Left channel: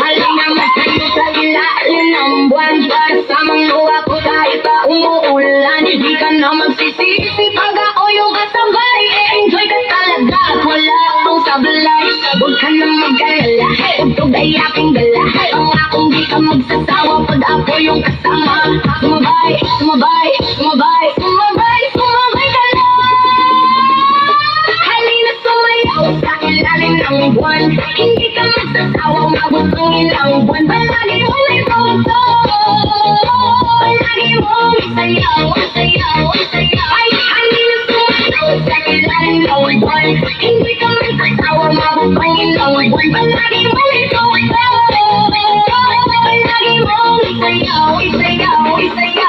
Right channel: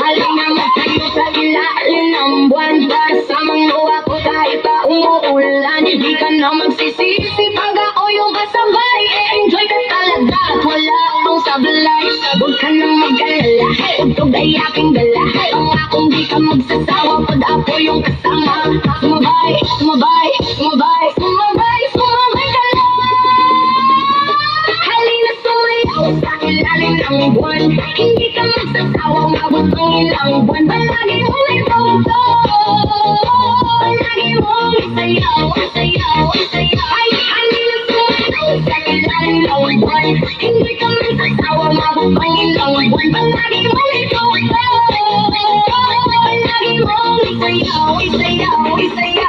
Halina magtayo sa ilalim ng buwan. Kasamang luha ko kahit pa umuulan. Di ka na magsisisi pag ako'y kasabay. Enjoy ka talaga, wala akong sablay. Huwag ka na mag-alala, tugtog ay aking gala. Pangakong di ka magsasawa pag ako yung kasama. Sumabay, sumabay, sumabay, sumabay, sumabay ka na. Halina sumayaw sa ilalim ng buwan. Hindi ka magsasawa, mabutong ilang buwan. Palagi mong ito, palagi mong isayaw, isayaw, isayaw. Ay, halina sumayaw sa ilalim ng buwan. Hindi ka magsasawa, mabutong ilang buwan. Palagi mong ito, palagi mong isayaw, isayaw, isayaw.